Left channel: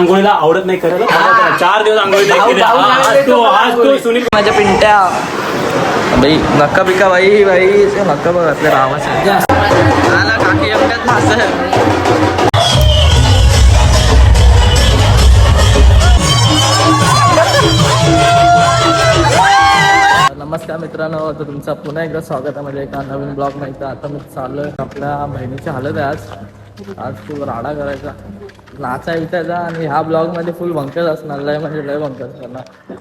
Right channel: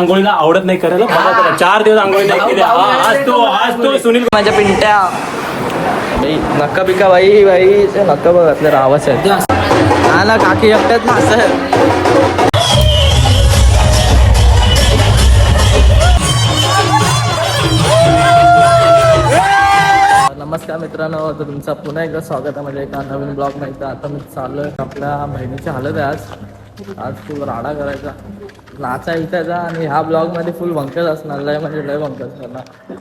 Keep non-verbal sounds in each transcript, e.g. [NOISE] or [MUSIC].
आंघोळीला आवडत नाही करायला. चार दिवस आंघोळी नाही केली. आज तू आज तू सुनील माझ्या पिंट्या. बाई नक्का बिका बाई बाई. ते नक्का बघ आपल्या रावाच. आहे हा ना काकी एकट्यात ना असं. नमस्कार मित्रांनो तर तुमचं पुन्हा एकदा स्वागत आहे म्हणजे एका नवीन ब्लॉग तर आता मी चाललोय आपल्या बहिणीची हालत आहे आज. आज फुल राडा करायचा. नाचा विचायचा आणि ह्या ब्लॉगमध्ये फुल भंकस असणार. लय म्हणजे लय भंकस करणार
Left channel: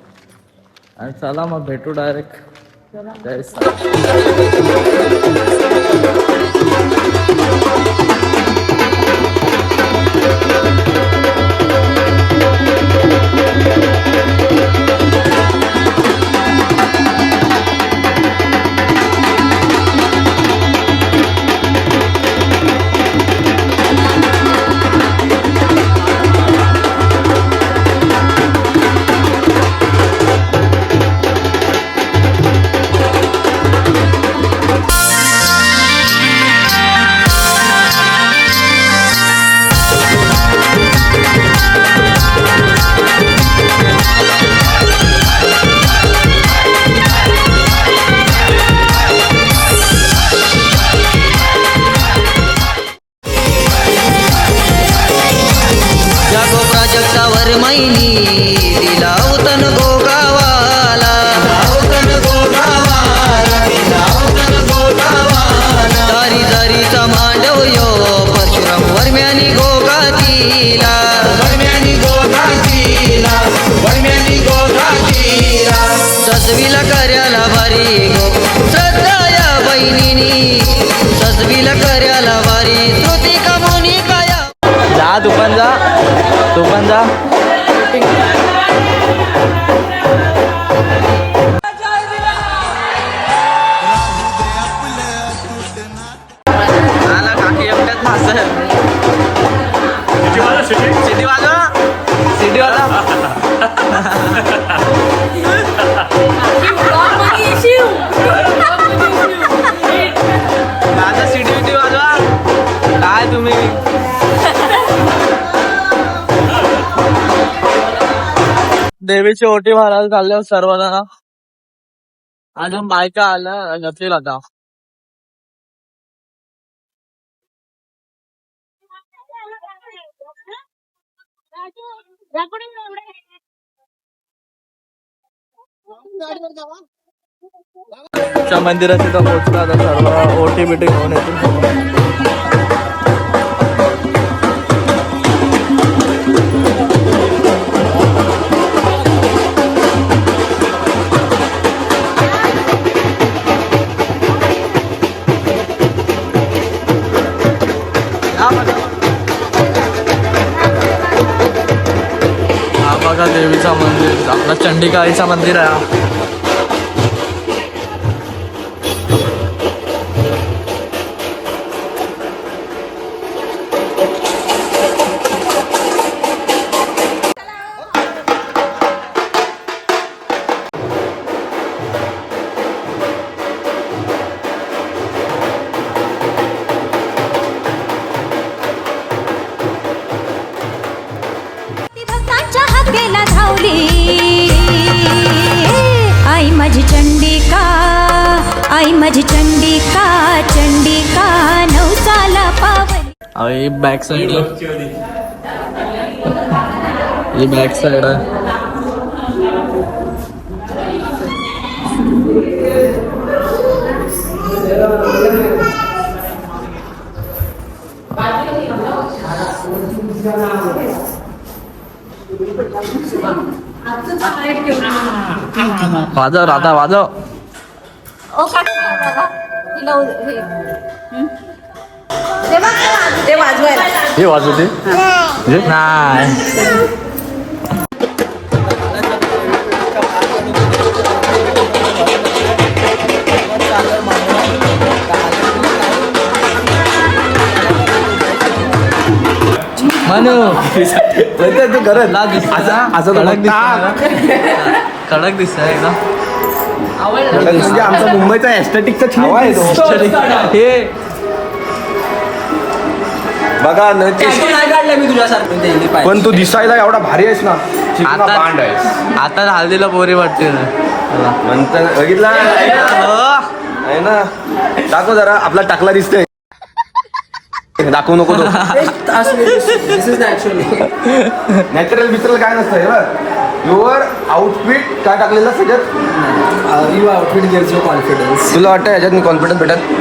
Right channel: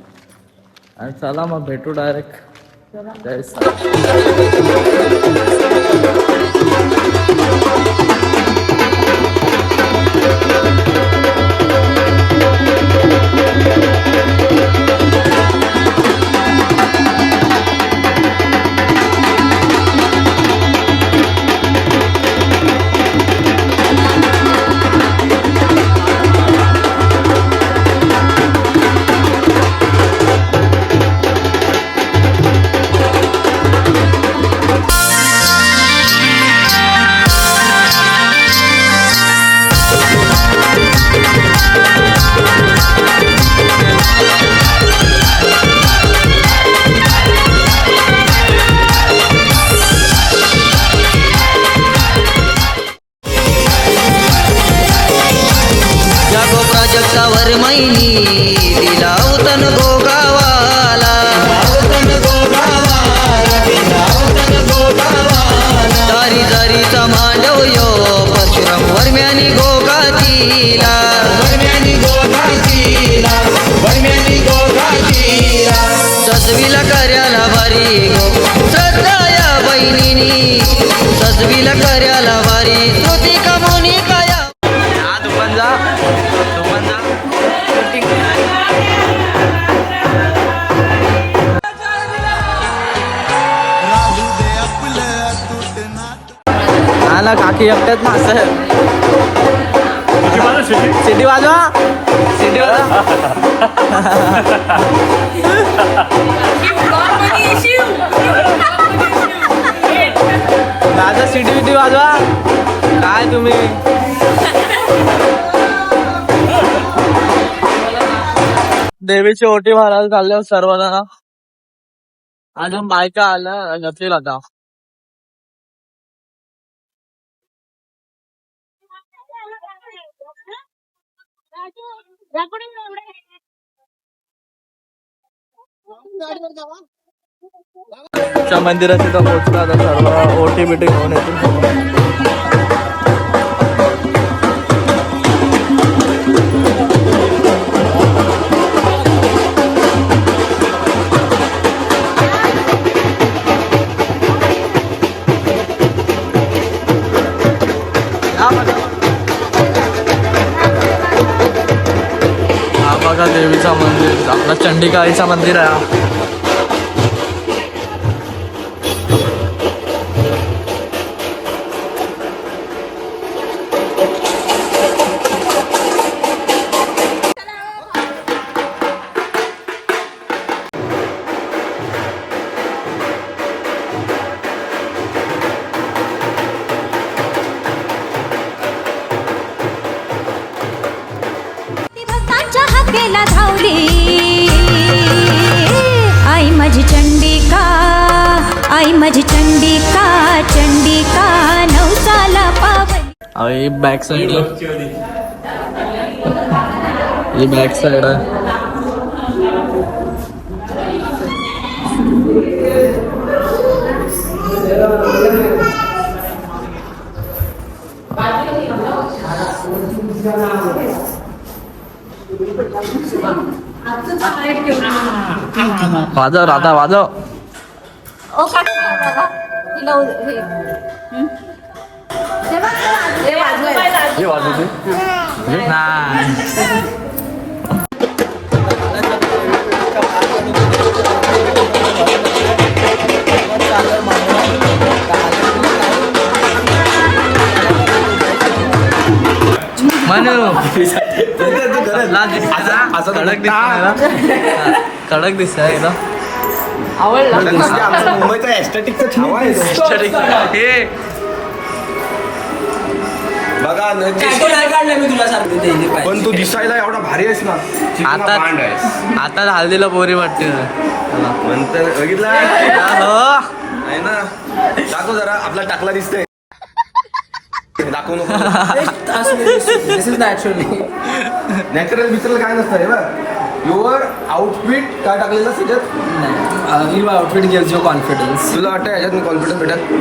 आणि चला मग भेटू डायरेक्ट जय la तुम्ही? देवीची ओटी भरायला चालले हो सर्वजण. अजून बायका आल्या जातील आता. च्या मंदिरात तिथं आता सर्व ओटी बिटी घेऊन येतील देवीचा मंदिर आपला चंडिकाईचा मंदिर आहे ही बॅक साईड ही बॅक साईड आहे वाजव राधा वाजव ओ काका तिला हे वाजवते नाही दिसते? कडक दिसतंय एकदम मुंबईचा एस्थेटिकचा छावा आहे तो हे बघा न- ते- नाही काढला मी तुझ्यासारखं ते पाय. पण तू दिसायला एवढा भारी आहेस ना चिकना आता आहेस. आता हल्दीला पोरी वाटते. चला. नंतर बघितला? हो. आहे ना? दाखव जरा आपला टाकला दिसतोय. दाखवू नको दिस इज नॅचरली नॅचरल बिचरल काय नसतं हे बघ. युअर आउटफिट काय टाकलेलं सगळ्यात you outfit gives you confidence तुला वाटतं याच्यात मी कॉन्फिडन्स भेटत?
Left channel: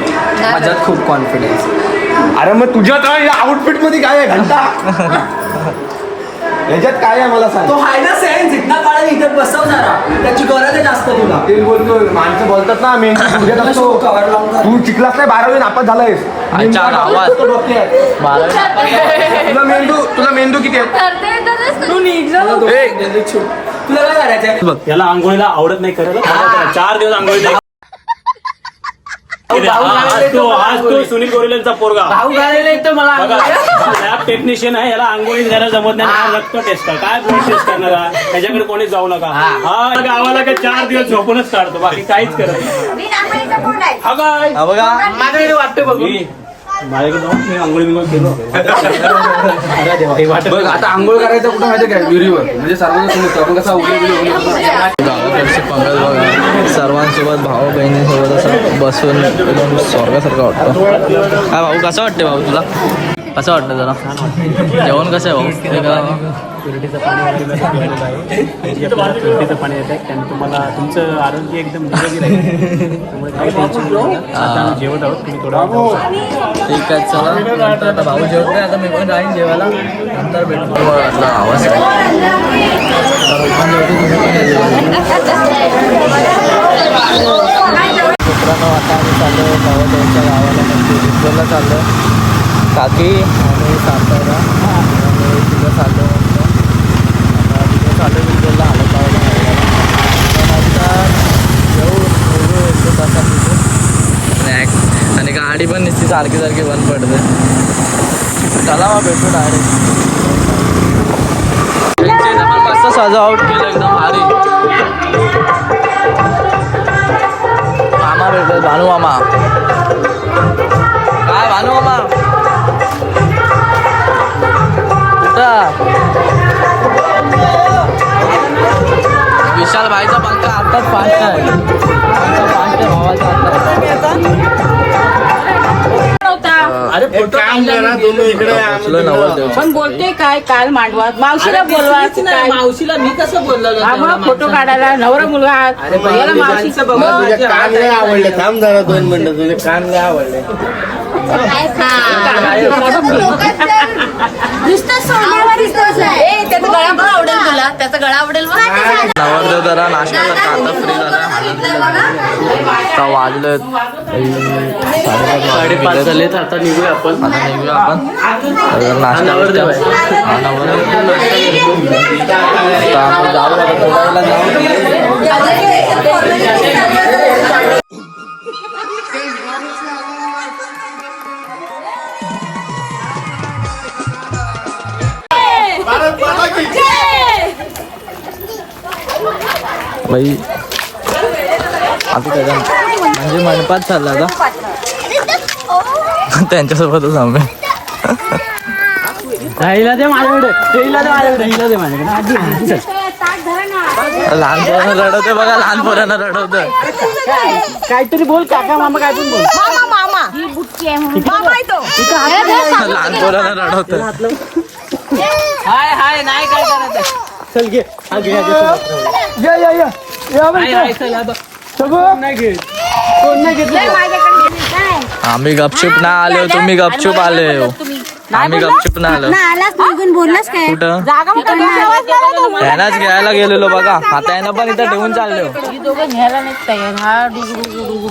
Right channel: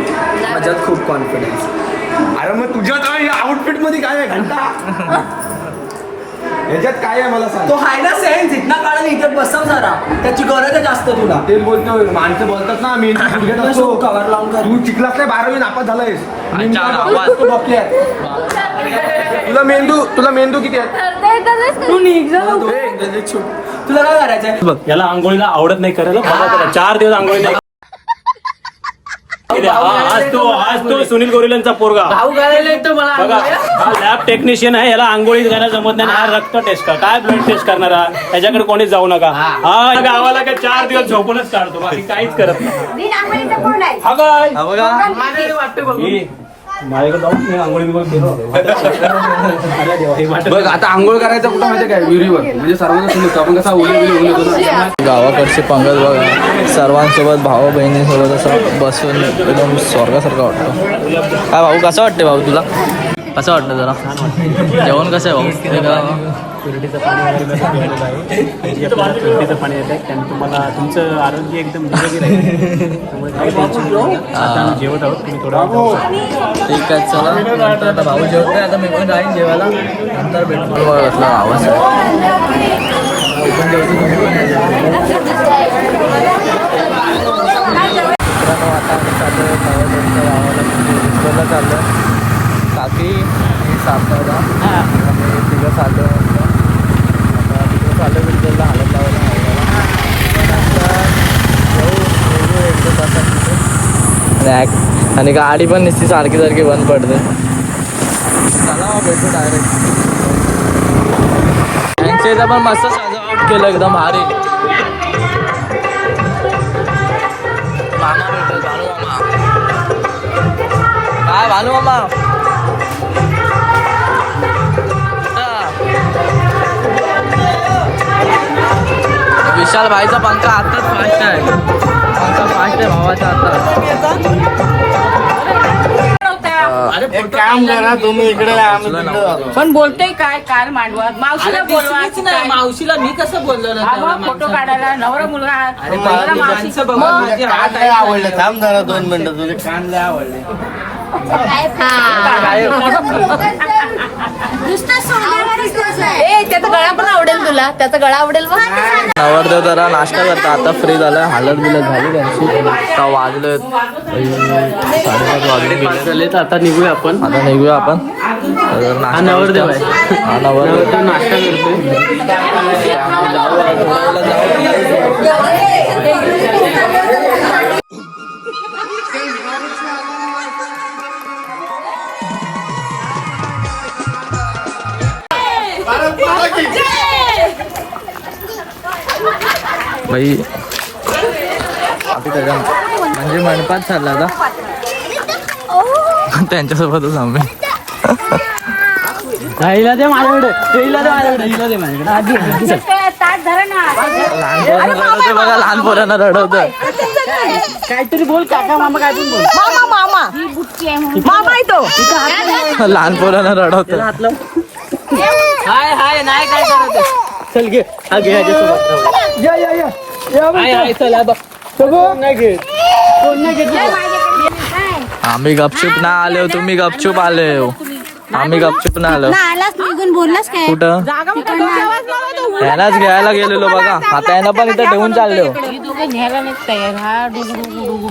माझ्यात खूप कॉन्फिडन्स अरे मग तुझ्यात या आउटफिटमध्ये काय आहे? घंटा. [LAUGHS] याच्यात काय आहे मला सांग तो हाय ना सेन्स इथना काढा इथे बसव जरा त्याची गरज आहे जास्त तुला तेच बोलतो माणसं बोलतात ना असतो [LAUGHS] कवर लावून. तू चिकलास नाही बारावी नापास झालायस अच्छा, आवाज. तो डोक्यात. तुला मेंदू तुला मेंदू किती आहेत तू निघ जा. ए, छुट. तुला काय करायचंय याला आंघोळीला आवडत नाही खरं चार दिवस आंघोळीला आज तू आज तू सुनील गोरेलांचा पोरगा. भाऊ घालायला येतं मला लॅब टेक्निशियन आहे याला आंघोळीत घायला जमत नाही हा रक्त टेस्ट काय ब्लड टेस्ट करणार हा? त्याच्याकडे कोणीच जाऊ नका. हा. गावाला काय चार दिवस झोपूनच काढतो. बाकी काहीच करत नाही. हा काय? हा बघा. माझ्याकडे वाटतं बघ मी माझ्याकडे जाऊन मी गेलो आता आंघोळ करायचं कुठं माहिती काय? विहिरीवर. म्हणजे सर्वांना समजतं. आपण कसा उली उली उली करतो ना. गावाकडची पंगत बघा. सर्वांसोबत भाऊ बहिणीसोबत असं बसून एकदम स्वर्गासारखं वाटतं. काय भाऊ कसं वाटते भाऊ तुला? कसं वाटतं जरा. जेवण कसं आहे भाऊ? ते करा. फिरडीचं पाणी वगैरे आहे आपल्याला पाणी येत आहे त्याने तुम्हाला तुमचं आरोग्य एकदम निरोगी राहील. त्यामुळे काही टेन्शन घेऊ नका. आता आम्ही जेवत आहोत. तुम्ही थोडा ठीक आहे चला. नंतर आता भाऊ जेवत नाही आता मी पण जाईन जेवायला. नंतर भेटू. मला घातला आवाज आहे. मी पण जेवतो तुम्ही पण या जेवायला. मित्रांनो आता आम्ही चाललो गावाला म्हणजे चाललो काकी आणि सातारा आम्ही तिथं चाललो मस्त आता तिथं चाललो विठ्ठलला हालत लावायला नवऱ्याला पण आता येऊ येऊ एक दोन तासात तिथून आणि आणि गाडी पण नुसती सारखी सारखी बंद पडते. चला मग भेटू डायरेक्ट त्यांच्या इथं पण मस्त सजावट केलं एकदम भारी. मामा भेटेल भानू मामा. काय भानू मामा. विशाल भाईचा पंखा आताच फास्ट आहे पंखा फास्ट आहे भावाचा आता. अरे फोटो पोचलो नव्हतं पण बोलतोय काय काल मांडवात मावशीला बोलवा काय? मावशीला मी कसं बोललो फोटो? काढायला नवरा मुलगा अरे बाई, नवरा मावशी. माणसं बघून माझी हात आहे. आवडले. थांब जरा दोन मिनिटं तुझे कान लय आवडले. नुसतं सोन्याला दिसतोस आहे. त्याचा गळा पण आवडेल तुला. त्याचा गळा आवडेल बघ. नवरदेव जरा नाश्ता करता. आता फ्री झाला. हालत बिलत झाली. त्यांची आता वाजले साडेपाच वाजून गेले. आता आपण. आता निघूया आपण. तर नाश्ता आता आम्ही जाऊ थोड्या वेळेला जाऊ बाई आता त्याच्या म्हणजे मंडपात चालला आता. त्यांच्यासोबतच आम्ही हिला दे माझ्याकडे हिला दे माझ्याकडे हिला दे माझ्याकडे चल. लहान पोरांना रडवते बघा लहान पोरांना रडवतं काहीतरी बोल काका मामा काय पण बोल लहान पोरांना रडवतं हाय हाय नाही काय करायचं चल घे. हा घे हा घे चल. हाय हाय चला नाही घेत? कोण नाही घेत? आम्ही गपचूप ना आले हो, तुम्ही गपचूप आले हो. आम्ही गपचूप ना आलो. ना आलास निघून बोललास काय? कुठं? यानाच घ्यायला गेलेलो बघा. आता यांना पण इथं ठेवून चालले. हो.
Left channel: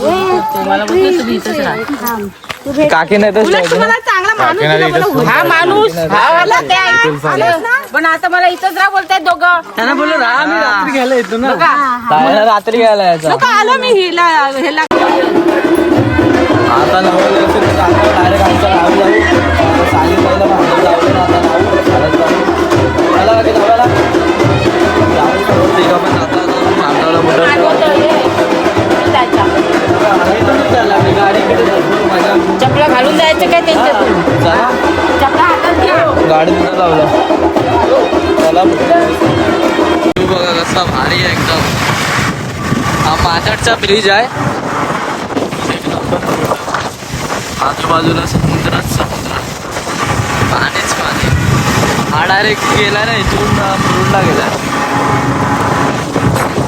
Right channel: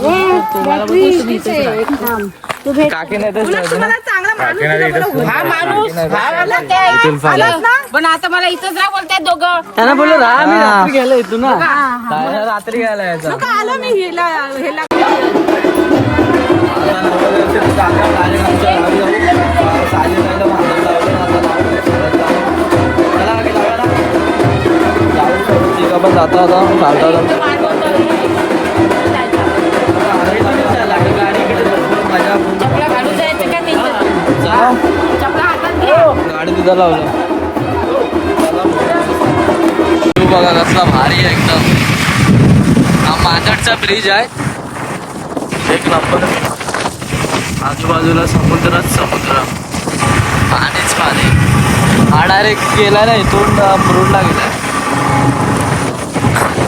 ही हा. काकी नाही. पण आता मला इथंच राहा बोलताय दोघं. त्यांना बोललो घ्यायला येतो ना. रात्री घ्यायला यायचा. आलो मी हिला ह्याला आता नवं व्यवस्थित चालल्यावर डायरेक्ट आमचं नाव लावू साली पहिलं भांडण लावलं ना आता नाव. घालत लावू मला बाकी लावायला. जाऊ सगळं तिघं पण जातो आता. पण पण. चपला गाडी तिथं लावलं. तू बघा कसला भारी आहे एकदम. हा माथाडचा ब्रिज आहे. एक नंबर. आजूबाजूला समुद्रच समुद्र. पाणीच पाणी. हा डायरेक्ट गेला ना इथून मुरुडला गेला.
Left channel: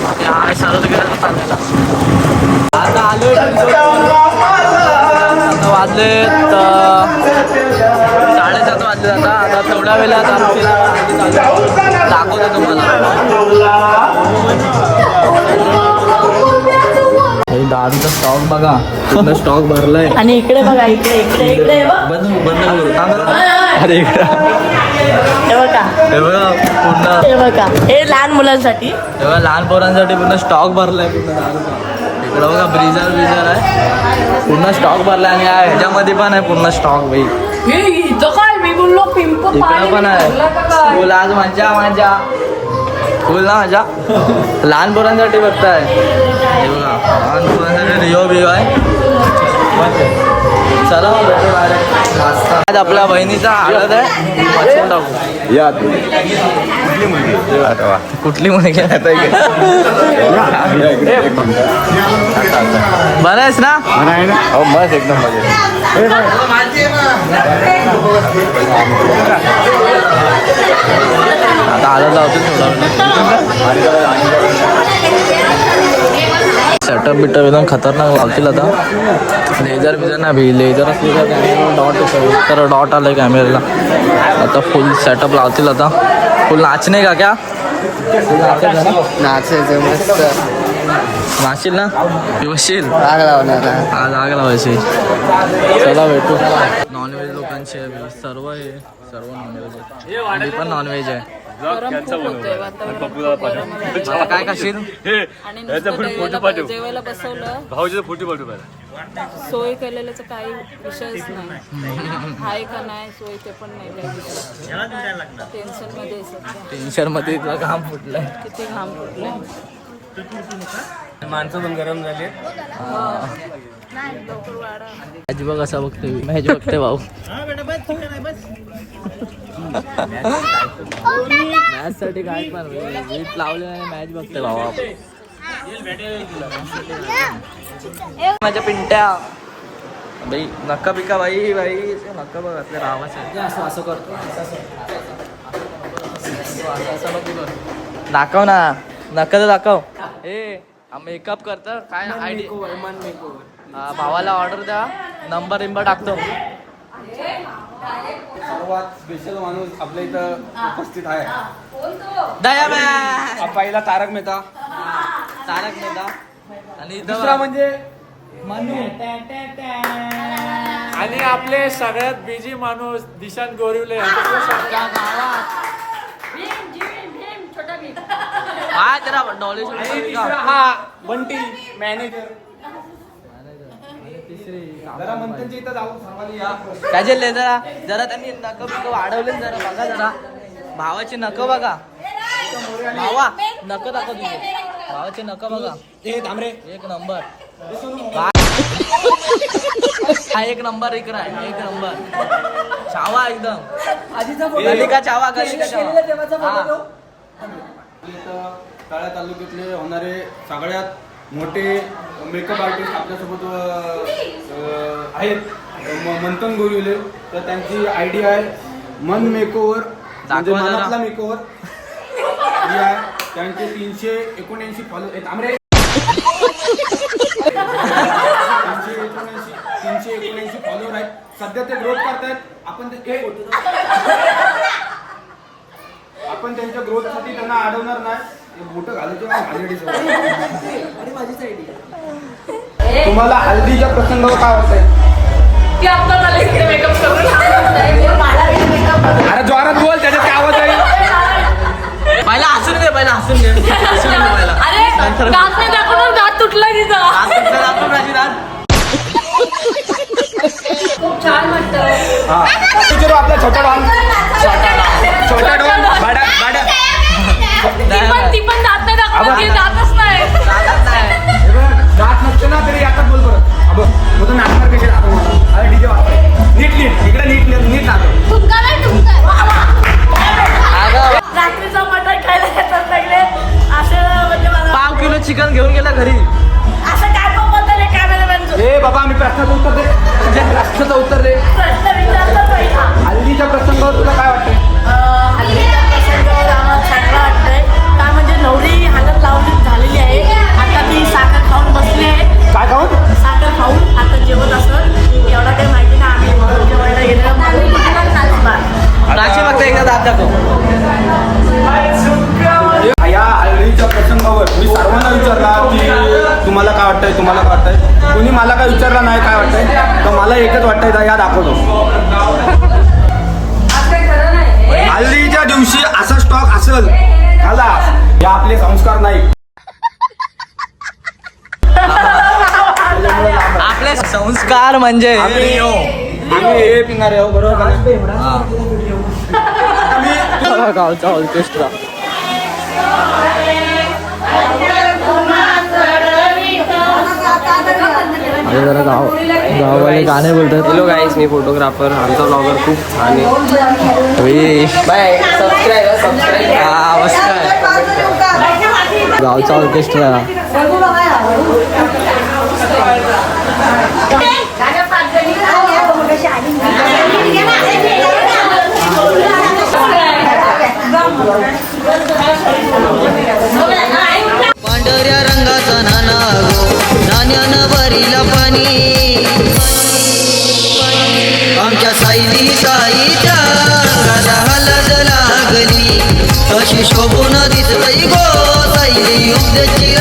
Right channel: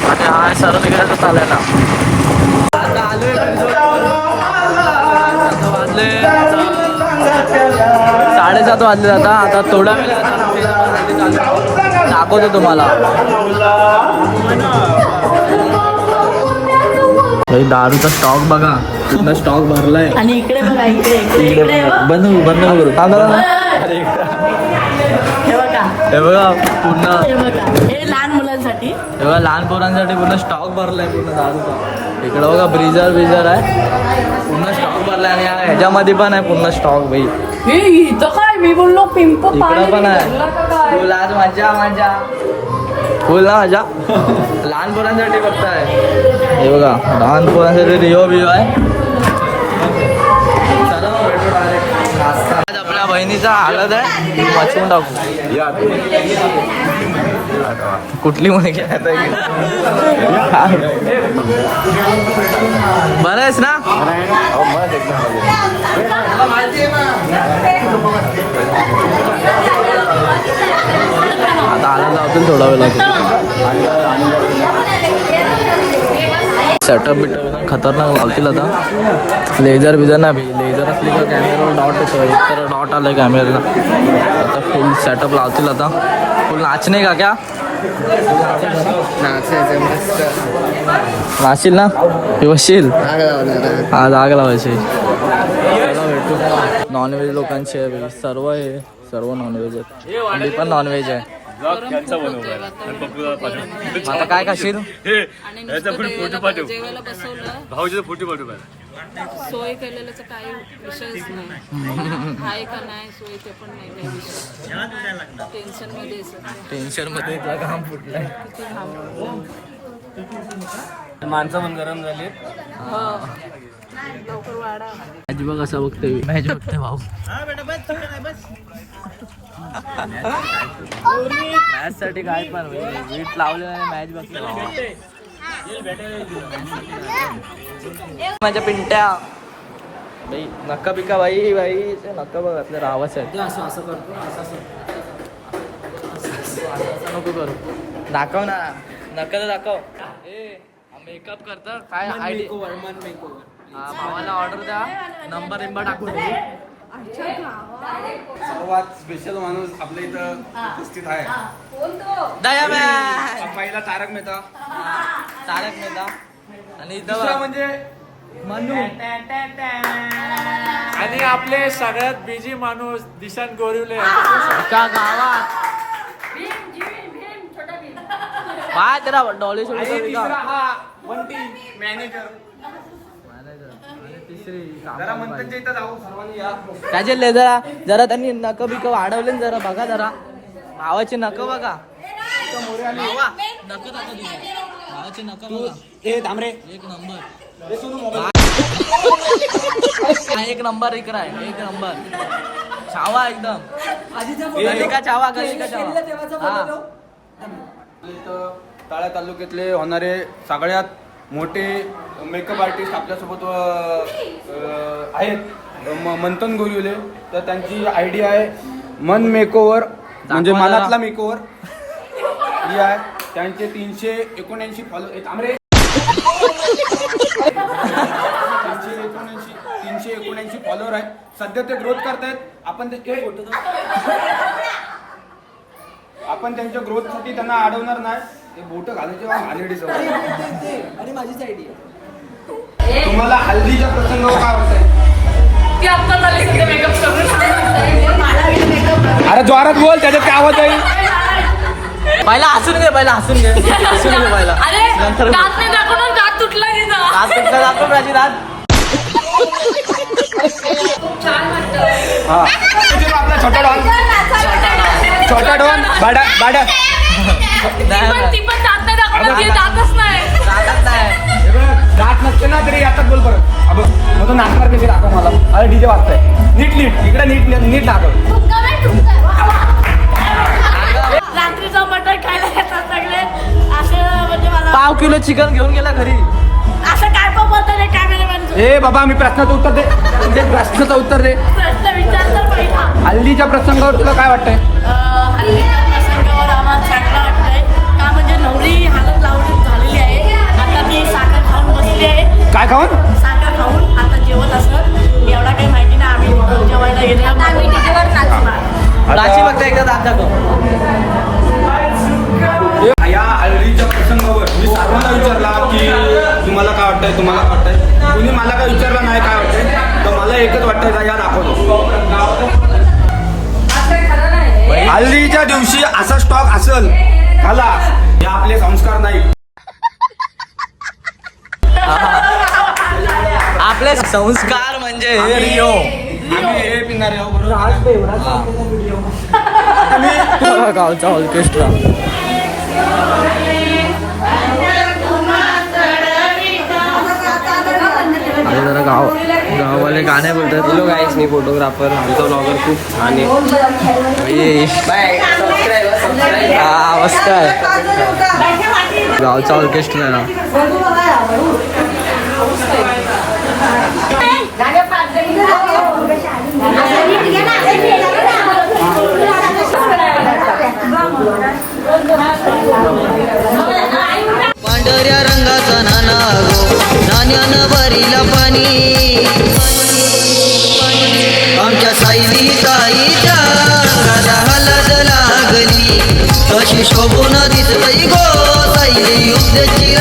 आणि हा सरळ गेला चालायला. आता आलोय वाजले साडेसात वाजले आता. आता थोडा वेळ आरती दाखवतो तुम्हाला. हे दारूचा स्टॉक बघा. पूर्ण स्टॉक भरलाय. आणि इकडे बघा इकडे इकडे इकडे हे बघ. अरे इकडं. हे बघा. पूर्ण हे लहान मुलांसाठी. हे बघा लहान पोरांसाठी पूर्ण स्टॉक भरलाय पूर्ण दारूचा. इकडं बघा ब्रिजर ब्रिजर आहे. पूर्ण स्टॉक भरलाय आणि काय ह्याच्यामध्ये पण आहे पूर्ण स्टॉक भाई इथं काय? मी बोललो पिंप इकडं पण आहे. आज मजा मजा फुल ना मजा लहान पोरांसाठी फक्त आहे हे बघा लहान पोरांसाठी रिओ बिओ आहे. चला मग भेटू डायरेक्ट आज आपल्या बहिणीचा हालत आहे. वाचवून टाकू. या कुठली मुलगी? बरं आहेस ना? बस एकदम आता आला लावतील थोडा वेळ. सेटअप बिटअप एकदम खतरनाक लावतील आता. लेझर बिझर नाही भी लेझर असली तर कॅमेरावर डॉट येतो. तर डॉट आलं कॅमेऱ्याला आता फुल सेटअप लावतील आता. फुल नाचणे का क्या? फुल नाचायचं ना? मस्त ना बसशील हा लाग लावायचे. चला भेटू. नॉनव्हेज लोकांचे सर्व आहे. सर्व नॉनव्हेज आहे अंडी पण नॉनव्हेज आहे. आता काय खाशील आणि नुसतं जेवायला जेवायला बसवलं. भाऊजीचा फोटो पाठवू सोय केलेल्याचा काही विषयच नाही. आहे का नाही सोय ते पण नाही काही विषय. टेन्शनमध्ये आहे सध्या. टेन्शनमध्ये काम फुटलंय. किती घाम फुटलाय. माणसं पण गरम झाली मॅच बघ असं बघते मॅच बघते भाऊ. मॅच साठी काय पण वीट लावले आणि मॅच बघते भाऊ आपण. माझ्या पिंट्या. बाई नक्का पिका बाई बाई. नक्का बघ आपल्या रावाचं असं असं करतो. असं नको कर. दाखव ना. नक्का तर दाखव. ए मेकअप करतं. काय आयडी मन मेकओव्हर भावाला ऑर्डर द्या. नंबर बिंबर टाकतो. सर्वात स्पेशल माणूस आपल्या इथं उपस्थित आहे. दया पहिला तारक मेहता. तारक मेहता. आणि इथं म्हणजे मनू. आणि आपले सगळ्यात बिझी माणूस दिशांत गोरिवले. गावात. काय जरा डॉली सोडली हा बंटी मॅनेजर तिसरी जरा कामवाली बाई. मंथनच्या इथं जाऊ. सर्वांनी या. त्याचे ले जरा जरा त्यांनी नक बिक वाढवले जरा बघा जरा. भावाचे नक बघा. भावा नक दाखव तुझे भावाचे नक बघा. ए तांबरे एक नंबर. हा. एक नंबर इकडं आहे. एक नंबर. छावा एकदम. गली का छावा गली का छावा हा. इथं टाळा तालुक्यातले होणारे सगळ्यात मोठे मेकअप आर्टिस्ट आपल्यासोबत आहेत. म- मंथन गोरिवले. तर त्यांची आयडिया आहे मन मेकओव्हर म्हणजे. मनातला मेकओव्हर ही आहे. त्यांचे तीनशे एकोणऐंशी फॉलो आमरे तीनशे एकोणऐंशी तीनशे एकोणऐंशी फॉलोअर आहेत. सध्या ते ग्रोथ करतायत. आपण ते आपण त्यांच्या ग्रोथसाठी त्यांना अडवणार नाही. ते बोट घालायचे माझीच आयडिया तुम्हाला हल्दीच्या प्रसंगावर काय वाटतंय? अरे जोरात बोल त्याच्यात काय आवाज आहे पहिला हसून घे पहिला हसून घे. हसून घे पहिला अरे नंतर दात नाही दाखवणार दात तुटला की दाखव राजी राज हा चलो आपला छोटा डॉन छोटा डॉन छोटा डॉन भाडा भाडा ती पण दात नाही दाखवणार, ती दातच नाही हे बघ, गाठ नसते ना तरी आता बोल परत अबो मग तो नाचणार कशी दाखव मला अरे डीजे वाटतंय नीट नीट इकडे नीट नीट दाखव रात्रीचा मटण खायला येतात सगळे असं म्हणजे पाव किलो चिकन घेऊन गेला घरी. तुम्हाला वाटतंय कुणी मला काय विचारलं नाही काय वाटतंय तर मला एकच वाटतंय या दाखवतो हल्लीच्या दिवशी असं स्टॉक असेल झाला हे आपले संस्कार नाही आपले संस्कार म्हणजे हे गावचा बरोबर आता जरा गाव गाववाले गाणे बोलतात. हॅलो गाईस मी फोटोग्राफर आमचा ब्लॉगर खूप छान आहे. हा मस्त आहे. गावचा ऑर्केस्ट्रा सायली ताईच्या राजा हलद लागली. अशी शोभून दिसतई गो सायली युद्धची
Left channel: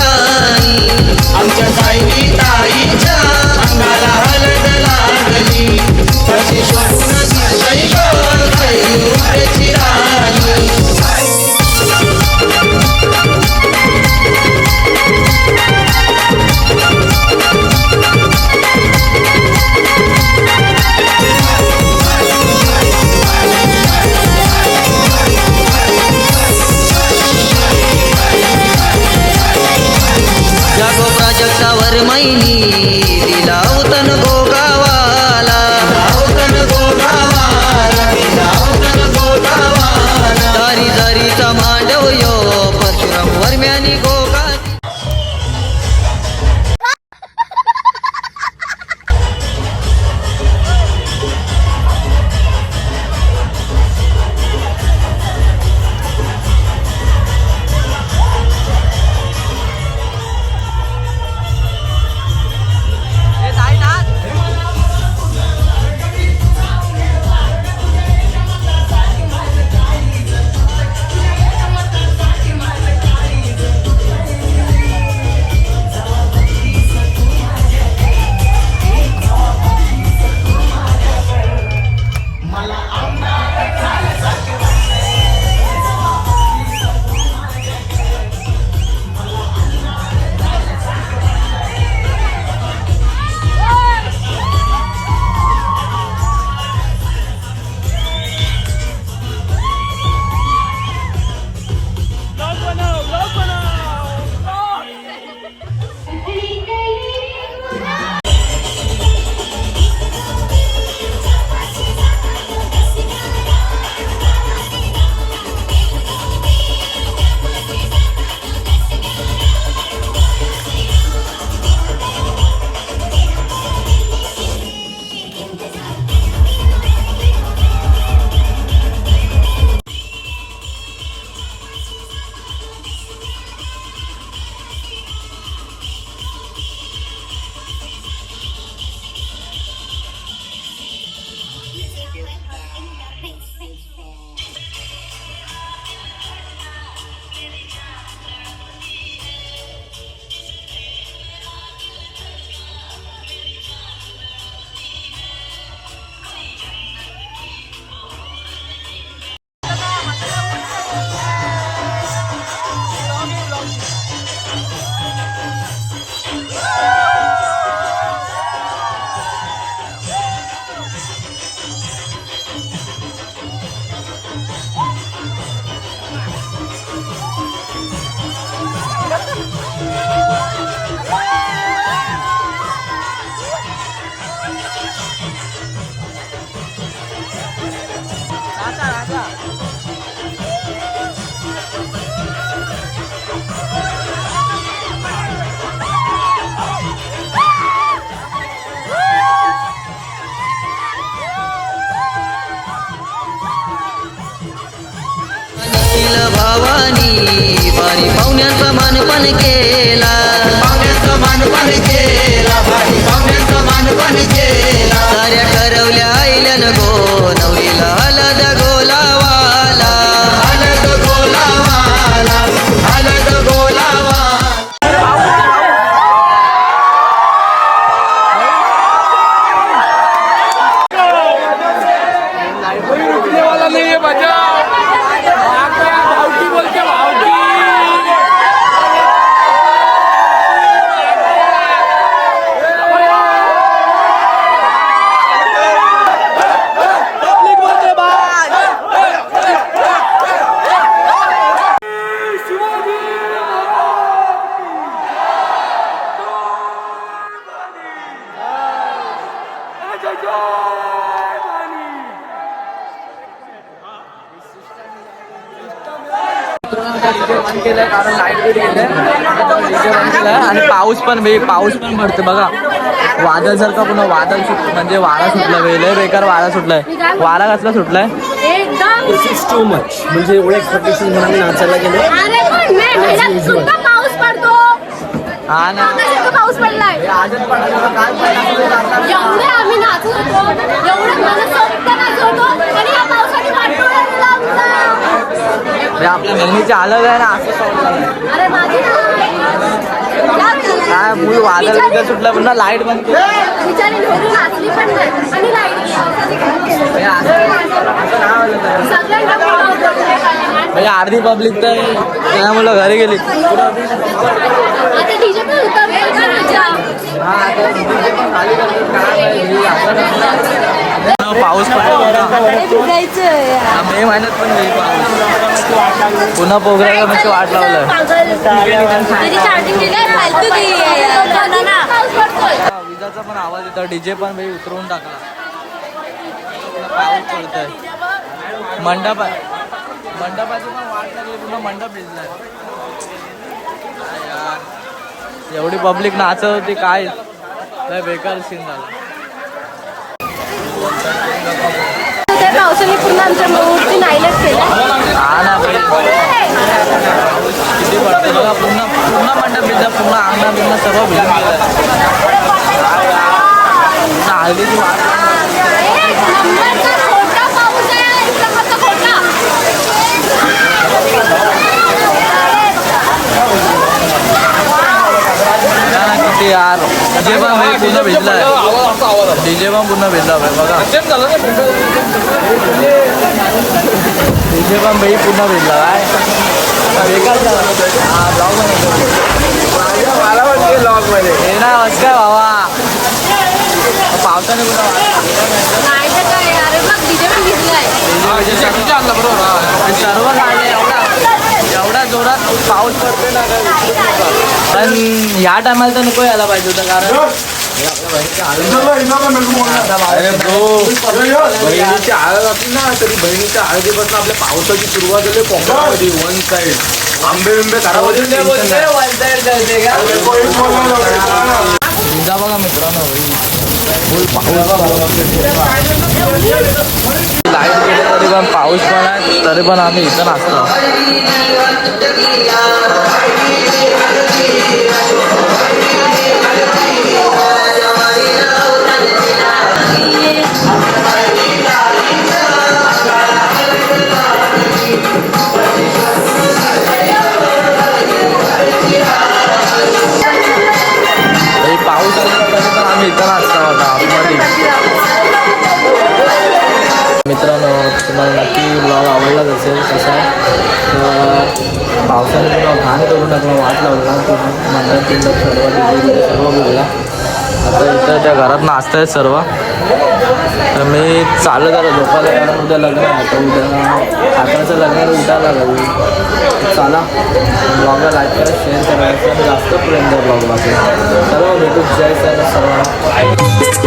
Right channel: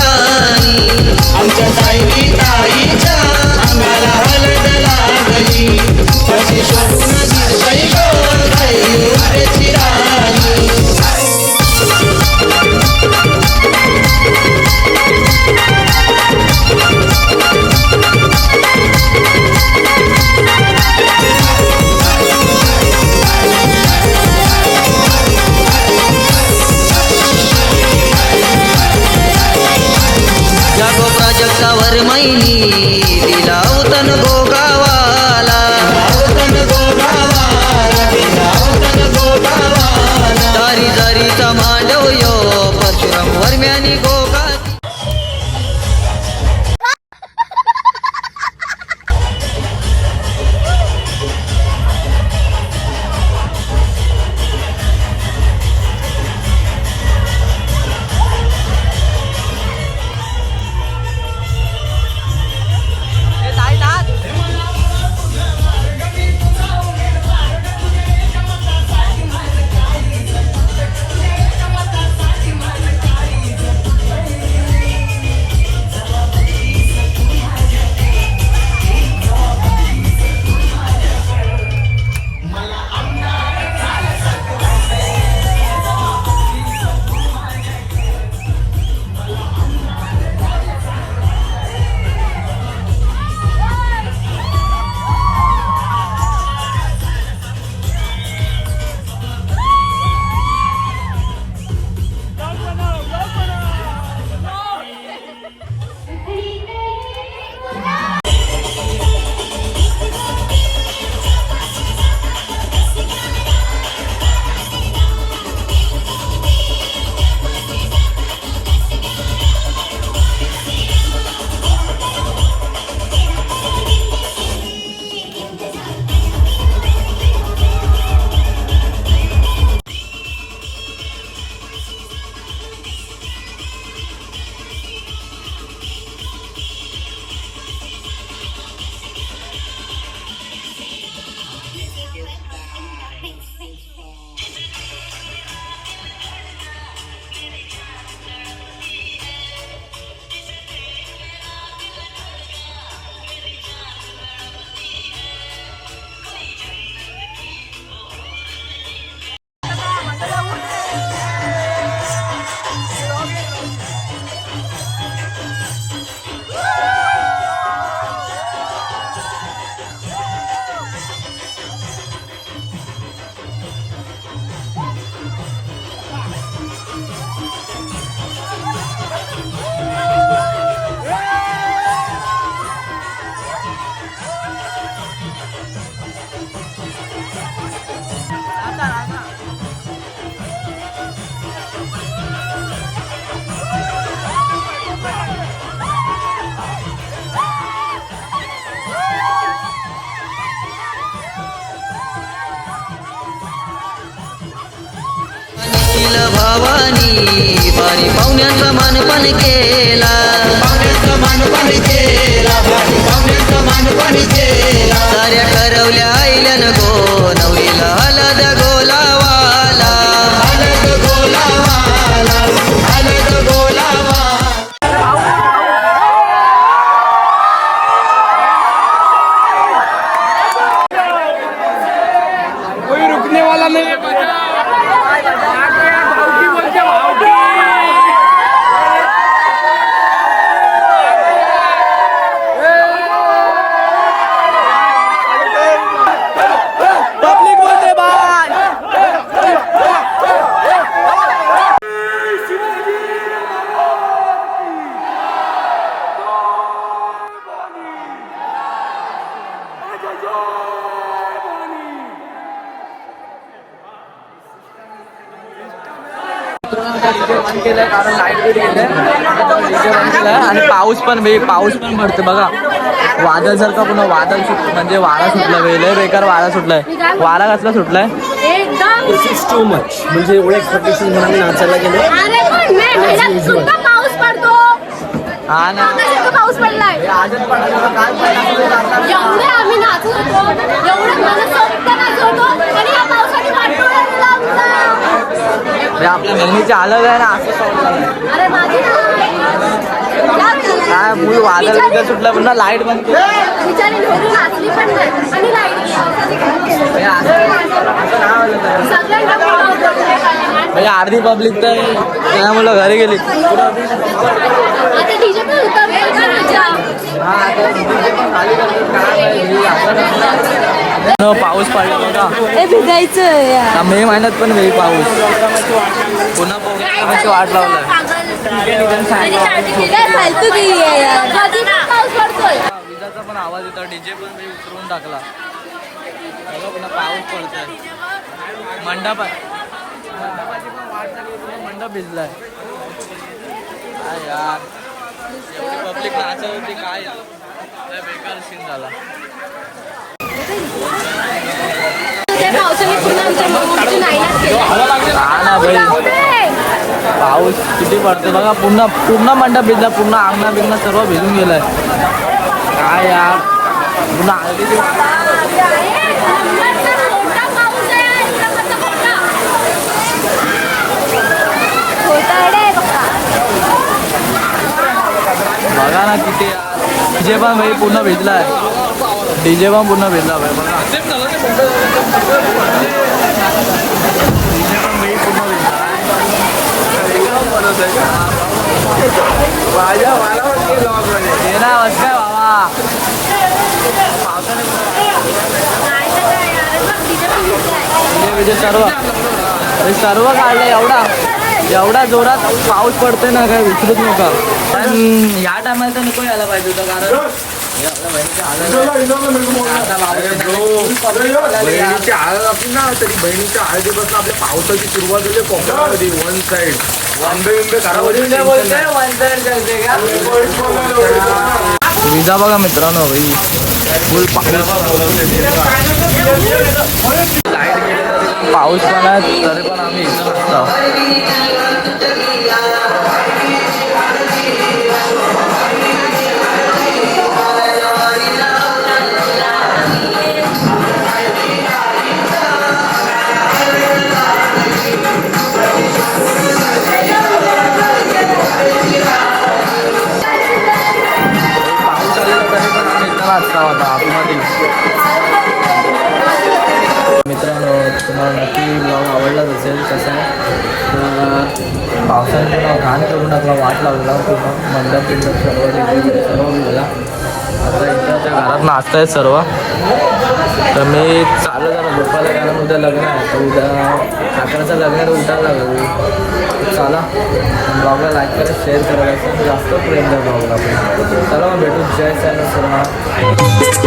ay, ni बारी पाहुण्याचा मानपान केला. पाहुण्याचा मानपान केला. बंद केलंय कारण लाइट बिल गेलंय डीजे बंद केलाय आणि पाऊस पण बे पाऊस पण पडते बघा वादळ जर का पुन्हा वादळ सुट म्हणजे वारा सुटला वेळ बेकार वारा सुटलाय. वारा कसला सुटलाय? एकदम. टू मच म्हणजे एवढे एक्सपेक्टेशन म्हणून आम्ही नाचायला गेलो. अरे पण मे महिन्यात सुद्धा पाऊस पडतो. हा ना. पाऊस पडलाय. आजच पडला. आम्ही एवढे म्हणजे आपल्या बहिणीची अलग आहे ना असं काय फुल वादळ बिदळ सुटलं पुन्हा लाइट बंद केली. म्हणजे. म्हणजे अर्धी पब्लिक तर त्यामुळं घरी गेली. हा, पाऊस पडला बघा. हा, मे महिन्यात पण होईल पाऊस. पुन्हा पोगऱ्याला म्हणजे वाट लावलंय? हा, विजाचा पण आवाज येतो डीजे पण मी उतरवून टाकला. पुन्हा पाऊस पडतोय. मंडप आहे. मंडपाची पण वाट लागली पुन्हा मंडप भिजलाय. यार एवढी पब्लिक नाचत होती काय? लय बेकार सीन झाला. त्या पावसाने पुन्हा आमच्या मूर्ती नाईलाज केला हा ना भाई पाऊस किती पडतो बघा पूर्ण पूर्ण मंडप भिजला पूर्ण अंगणा बिंगणा सर्व भिजून गेले. पूर्ण बघा ना किती आज. डीजे पण भाई पूर्ण भिजलाय. डीजे पण पूर्ण भिजला भाई बघा. डीजे पण भाई पूर्ण भिजला काय? हे ना बस काय बाबा डीजे सर्व सर्व काढलं एवढा. एवढा जोरात पाऊस पडतो पण या टायमाला तर नको यायला पाहिजे होतं कारण हे बहिणीचं आपली ना तरी बहिणीच्या आपल्या पावसाची सुरुवात झाली कोकणामध्ये वन साइड आंबे बिंबे खराब विजा बघा मित्रांनो फुल पाऊस. लाइट गेले तरी पण पाऊस पण आहे तरी पण आम्ही इथं नाचतो पाऊस आलेला तरी पण आम्ही इथं नाचतो आता आतमध्ये. मित्रांनो तुम्हाला नक्की ब्लॉग आवडलाच असेल कसा आहे? तर पावसाने पुन्हा घाण करून टाकला वाट लावला पूर्ण. मंडप बिंडप सर्व डिजे सर्व भिजला. आता इथं घरात नाचत आहेत सर्व. तर मी चाललं आलो झोपायला यायला उद्या लग्न आहे. तर उद्या अकराचं लग्न उठायला लागेल. चला. ब्लॉगला लाईक करा शेअर करायचं जास्त प्रेम द्या ब्लॉगला चला मग भेटू. जय सायला सर्वांना.